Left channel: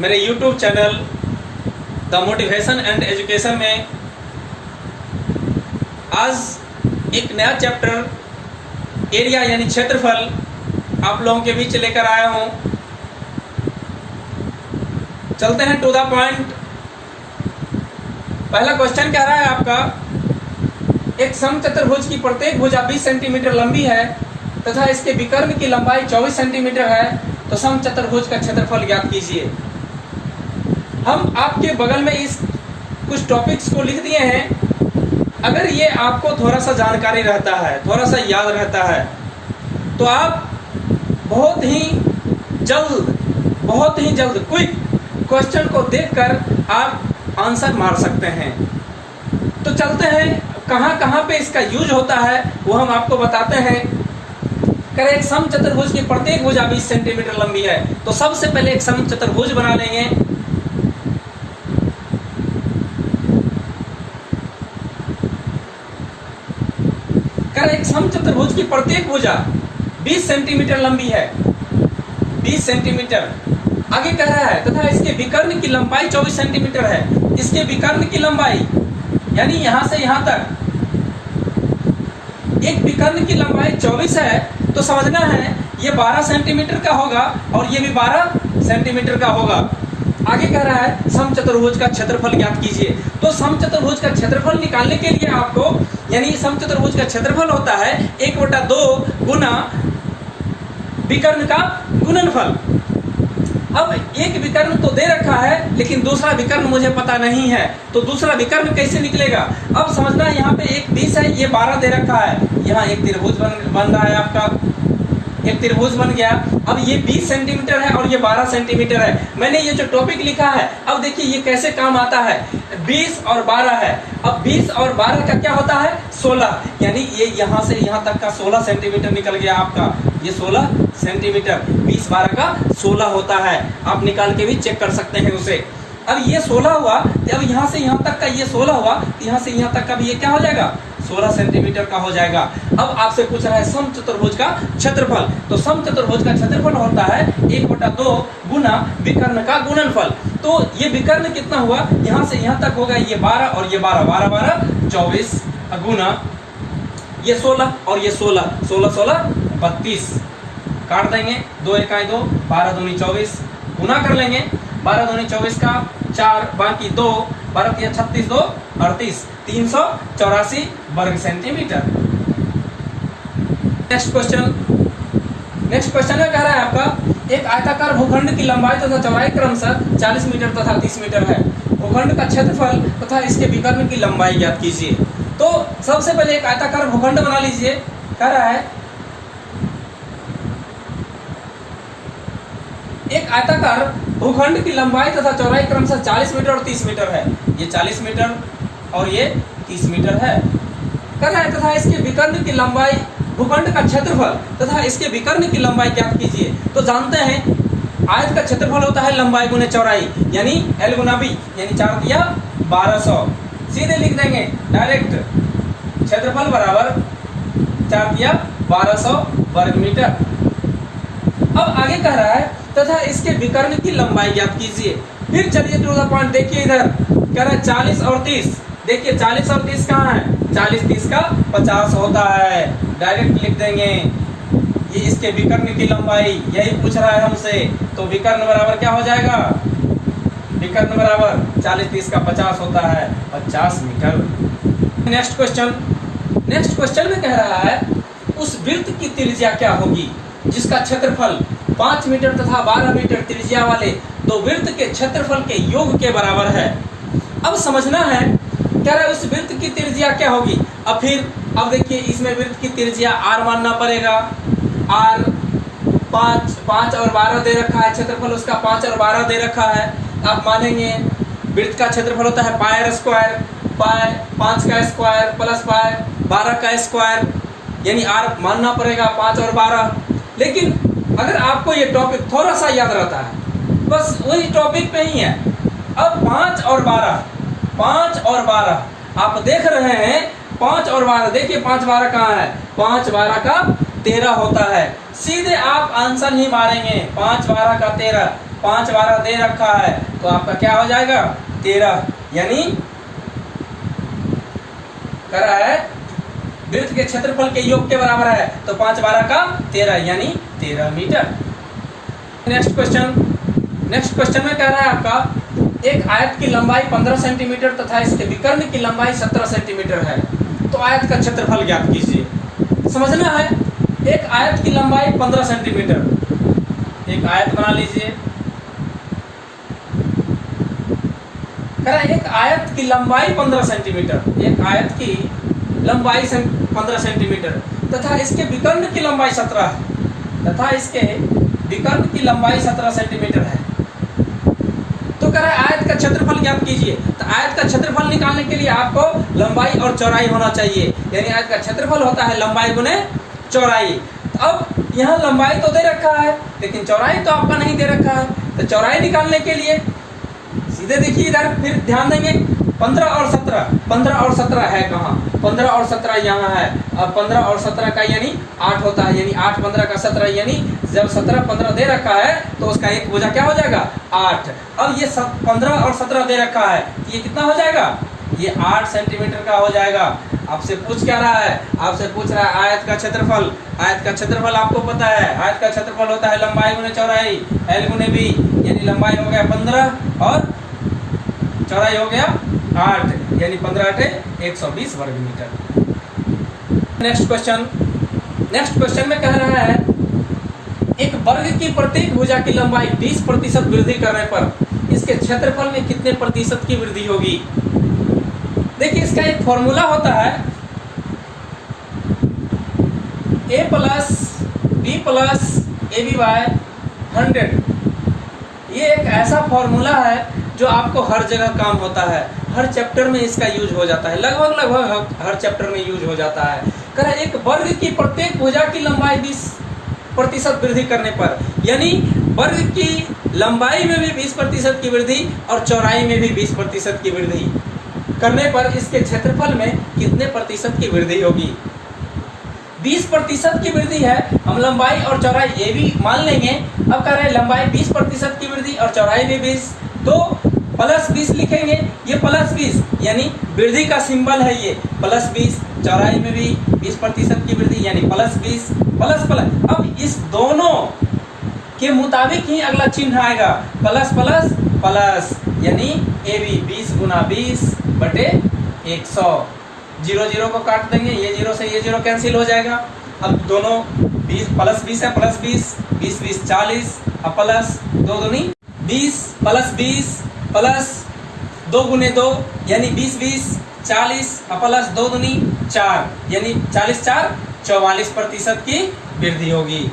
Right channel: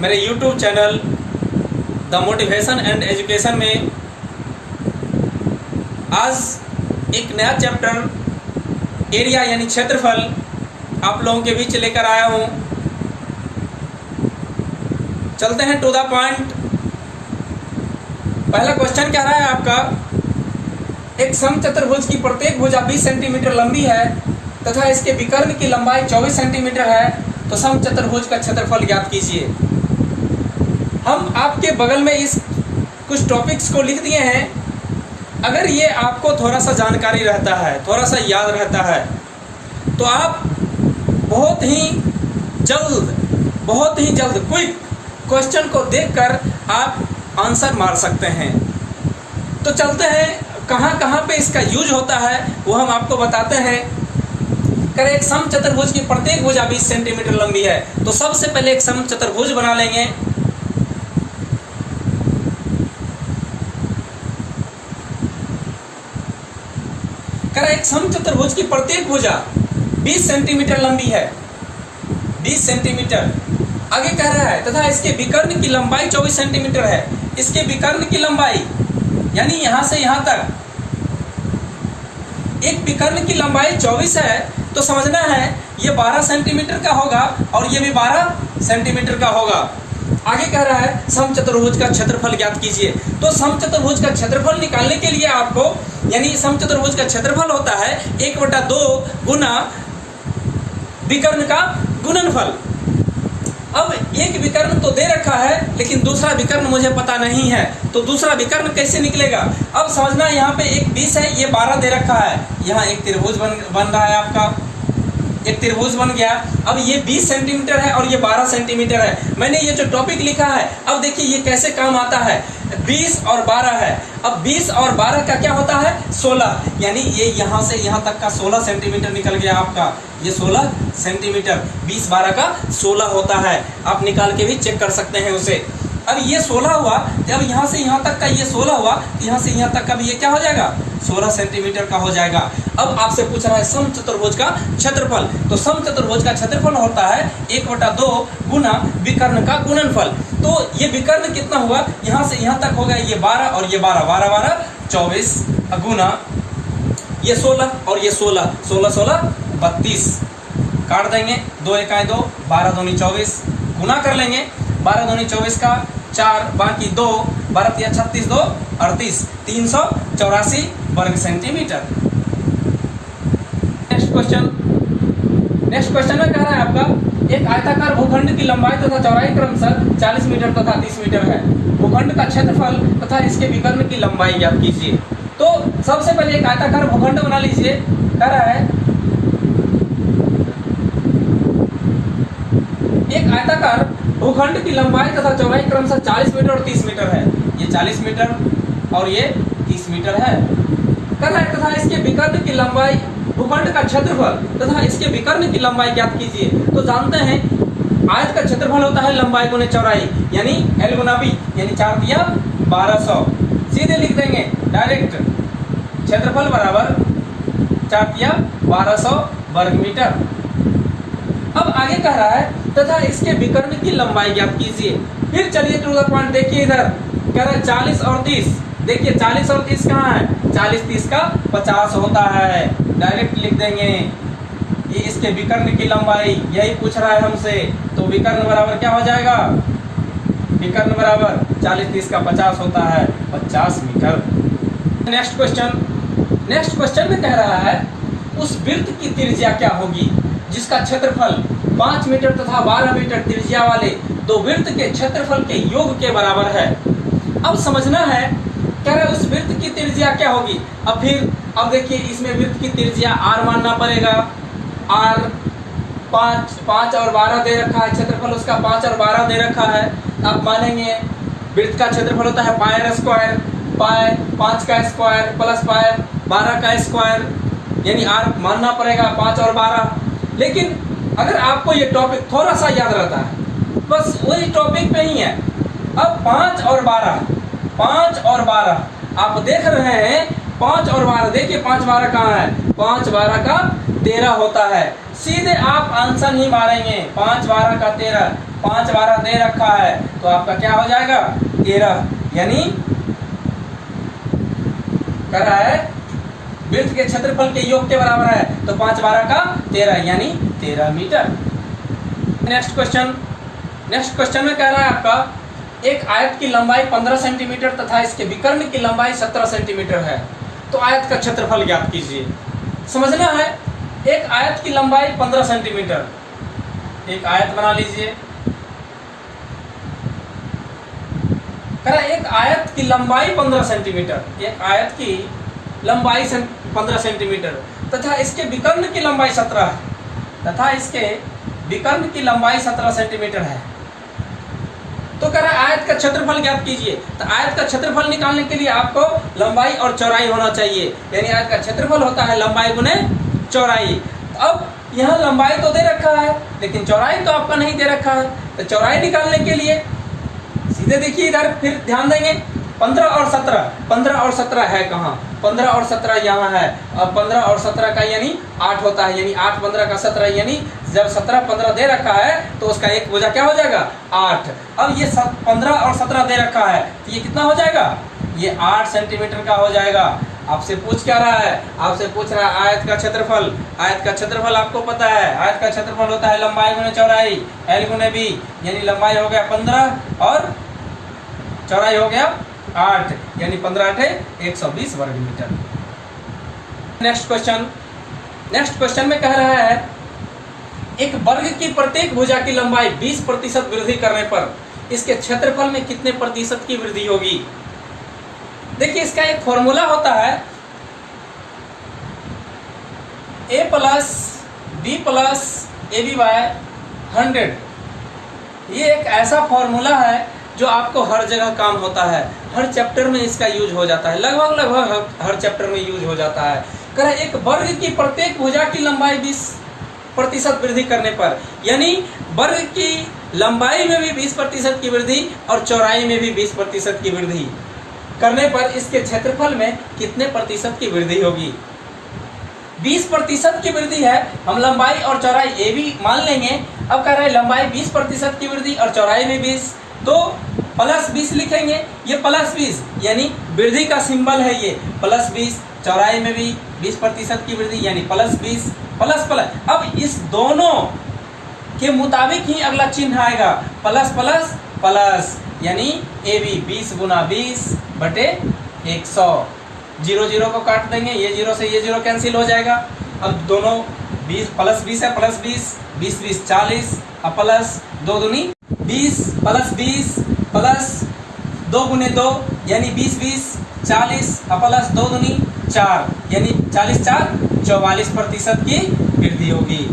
मेरे YouTube channel the motivation and education में आज एक नया चैप्टर एरिया यानी क्षेत्रफल आप लोगों के बीच लेकर आया हूँ। चलते हैं टू द पॉइंट। पहला क्वेश्चन कह रहा है आपका, एक समचतुर्भुज की प्रत्येक भुजा 20 सेंटीमीटर लंबी है तथा इसके विकर्ण की लंबाई 24 सेंटीमीटर है, तो समचतुर्भुज का क्षेत्रफल ज्ञात कीजिए। हम आपके बगल में इस कुछ टॉपिक्स को लिख दिए हैं। अगर ये आपको थोड़ा सा जानकारी रहता है, थोड़ा सा याद रहता है, तो आप बहुत ही जल्द क्विक क्वेश्चन को देखकर आप आंसर मार सकते हैं। तो चलते हैं, कहाँ पे इसका यूज होता है वो हम आपको बताते हैं। करें एक समचतुर्भुज की प्रत्येक भुजा 20 सेंटीमीटर लंबी है, तो सबसे पहले एक समचतुर्भुज बना लेंगे। करें एक समचतुर्भुज की प्रत्येक भुजा 20 सेंटीमीटर लंबी है, 20 सेंटीमीटर। आगे कह रहा है तथा इसके विकर्ण की लंबाई 24 सेंटीमीटर है। इसके विकर्ण की लंबाई यानी यहां से यहां तक एक विकर्ण की लंबाई 24 है, तो समझना है ये 12 सेंटीमीटर का होगा और ये भी 12 सेंटीमीटर का होगा। आगे कह रहा है समचतुर्भुज का क्षेत्रफल ज्ञात कीजिए। तो समचतुर्भुज का क्षेत्रफल निकालने के लिए आपको, यानी समचतुर्भुज का क्षेत्रफल होता है 1/2 गुना विकर्ण का गुणनफल। अब एक विकर्ण तो दे रखा है, लेकिन दूसरा विकर्ण मुझे पता नहीं है, तो दूसरा विकर्ण कैसे निकलेगा? अब समझना, यहाँ पे एक 20 है, ये 12 दे रखा है। यहाँ एक त्रिभुज बन रहा है, आपका एक त्रिभुज बन गया। अब ये 20 सेंटीमीटर है और ये 12 सेंटीमीटर है। मैंने ये जो टॉपिक लिखा है, अब देखिए ये कैसे काम आता है। 20 और 12 है। अब 20 और 12 का क्या होता है? 16, यानी ये यहाँ से यहाँ तक का 16 सेंटीमीटर निकल गया आपका। ये 16 सेंटीमीटर, 20-12 का 16 होता है। आप निकाल के भी चेक कर सकते हैं उसे। अब ये 16 हुआ, अब यहाँ से यहाँ तक का ये 16 हुआ, यहाँ से यहाँ तक का भी ये क्या हो जाएगा? 16 सेंटीमीटर का हो जाएगा। अब आपसे पूछ रहा है समचतुर्भुज का क्षेत्रफल। तो समचतुर्भुज का क्षेत्रफल होता है 1/2 गुना विकर्ण का गुणनफल। तो ये विकर्ण कितना हुआ? यहाँ से यहाँ तक होगा ये 12 और ये 12 24 गुना ये 16 और ये 16 32 काट देंगे। 2 1 2, 12 दूनी 24 गुना कर लेंगे। 12 दूनी 24 का 4 बाकी 2, 12 36 2 38 384 वर्ग सेंटीमीटर। नेक्स्ट क्वेश्चन में कह रहा है आपका, एक आयताकार भूखंड की लंबाई तथा चौड़ाई क्रमशः 40 मीटर तथा 30 मीटर है। भूखंड का क्षेत्रफल तथा इसके विकर्ण की लंबाई ज्ञात कीजिए। तो सबसे पहले एक आयताकार भूखंड बना लीजिए। कह रहा है एक आयताकार भूखंड की लंबाई तथा चौड़ाई क्रमशः 40 मीटर और 30 मीटर है। ये 40 मीटर और ये 30 मीटर है। कर रहा है तथा इसके विकर्ण की लंबाई, भूखंड का क्षेत्रफल तथा इसके विकर्ण की लंबाई ज्ञात कीजिए। तो जानते हैं आयत का क्षेत्रफल होता है लंबाई गुने चौड़ाई, यानी L गुना B, यानी 4 दिया 1200। सीधे लिख देंगे डायरेक्ट, क्षेत्रफल बराबर 4 दिया 1200 वर्ग मीटर। अब आगे कह रहा है तथा इसके विकर्ण की लंबाई ज्ञात कीजिए। फिर चलिए टू द पॉइंट, देखिए इधर कह रहा है 40 और 30। देखिए 40 और 30 कहाँ है? 40 30 का 50 होता है। डायरेक्ट लिख देंगे ये इसके विकर्ण की लंबाई, यही पूछ रहा है हमसे। तो विकर्ण बराबर क्या हो जाएगा? विकर्ण बराबर 40 30 का 50 होता है 50 मीटर। नेक्स्ट क्वेश्चन में कह रहा है उस वृत्त की त्रिज्या क्या होगी जिसका क्षेत्रफल 5 मीटर तथा 12 मीटर त्रिज्या वाले दो वृत्त के क्षेत्रफल के योग के बराबर है। अब समझना है, क्या है उस वृत्त की त्रिज्या क्या होगी। अब देखिए इसमें वृत्त की त्रिज्या r मानना पड़ेगा। r 5 और 12 दे रखा है, क्षेत्रफल उसका 5 और 12 दे रखा है। आप मानेंगे वृत्त का क्षेत्रफल होता है पाई स्क्वायर, पाई 5 का स्क्वायर प्लस पाई 12 का स्क्वायर, यानी r मानना पड़ेगा 5 और 12। लेकिन अगर आपको ये टॉपिक थोड़ा सा याद रहता है, बस वही टॉपिक पे ही है। अब 5 और 12 आप देख रहे हैं, 5 और 12 देखिए 5 12 कहाँ है? 5 12 का 13 होता है। सीधे आप आंसर ही मारेंगे। 5 12 का 13, 5 12 दे रखा है तो आपका क्या हो जाएगा 13, यानी कर रहा है वृत्त के क्षेत्रफल के योग के बराबर है, तो 5 12 का 13 यानी 13 मीटर। नेक्स्ट क्वेश्चन में कह रहा है आपका एक आयत की लंबाई 15 सेंटीमीटर तथा इसके विकर्ण की लंबाई 17 सेंटीमीटर है, तो आयत का क्षेत्रफल ज्ञात कीजिए। समझना है, एक आयत की लंबाई 15 सेंटीमीटर, एक आयत बना लीजिए। कह रहा है एक आयत की लंबाई 15 सेंटीमीटर, एक आयत की लंबाई 15 सेंटीमीटर तथा इसके विकर्ण की लंबाई 17 है, तथा इसके विकर्ण की लंबाई 17 सेंटीमीटर है। तो कह रहा है आयत का क्षेत्रफल ज्ञात कीजिए। तो आयत का क्षेत्रफल निकालने के लिए आपको लंबाई और चौड़ाई होना चाहिए, यानी आयत का क्षेत्रफल होता है लंबाई गुने चौड़ाई। तो अब यहाँ लंबाई तो दे रखा है लेकिन चौड़ाई तो आपका नहीं दे रखा है, तो चौड़ाई निकालने के लिए सीधे देखिए इधर, फिर ध्यान देंगे 15 और 17, 15 और 17 है कहाँ, 15 और 17 यहाँ है। अब 15 और 17 का यानी 8 होता है, यानी 8 15 का 17, यानी जब 17 15 दे रखा है तो उसका एक भुजा क्या हो जाएगा 8। अब ये 15 और 17 दे रखा है तो ये कितना हो जाएगा, ये 8 सेंटीमीटर का हो जाएगा। आपसे पूछ क्या रहा है, आपसे पूछ रहा है आयत का क्षेत्रफल। आयत का क्षेत्रफल आपको पता है, आयत का क्षेत्रफल होता है लंबाई गुने चौड़ाई, L गुने B, यानी लंबाई हो गया 15 और चौड़ाई हो गया 8, यानी 15 8 120 वर्ग मीटर। नेक्स्ट क्वेश्चन में कह रहा है एक वर्ग की प्रत्येक भुजा की लंबाई 20% वृद्धि करने पर इसके क्षेत्रफल में कितने प्रतिशत की वृद्धि होगी। देखिए इसका एक फॉर्मूला होता है a plus b plus AB by 100। ये एक ऐसा फॉर्मूला है जो आपको हर जगह काम होता है, हर चैप्टर में इसका यूज हो जाता है, लगभग हर चैप्टर में यूज हो जाता है। कह रहा है एक वर्ग की प्रत्येक भुजा की लंबाई 20% वृद्धि करने पर, यानी वर्ग की लंबाई में भी 20% की वृद्धि और चौड़ाई में भी 20% की वृद्धि करने पर इसके क्षेत्रफल में कितने प्रतिशत की वृद्धि होगी। 20% की वृद्धि है, हम लंबाई और चौड़ाई ये भी मान लेंगे। अब कह रहे हैं लंबाई 20% की वृद्धि और चौड़ाई में 20, तो प्लस 20 लिखेंगे, ये प्लस 20 यानी वृद्धि का सिंबल है, ये प्लस 20, चौड़ाई में भी 20% की वृद्धि यानी प्लस 20 प्लस प्लस। अब इस दोनों के मुताबिक ही अगला चिन्ह आएगा, प्लस प्लस प्लस, यानी AB 20 गुना 20 बटे 100। 0 0 को काट देंगे, ये 0 से ये 0 कैंसिल हो जाएगा। अब दोनों 20 प्लस 20 है, प्लस 20 20 20 40, अब प्लस 2 दूनी 20 प्लस 20 प्लस 2 गुने 2 यानी 20 20 40, अब प्लस 2 दूनी 4 यानी 40 4 44% की वृद्धि होगी।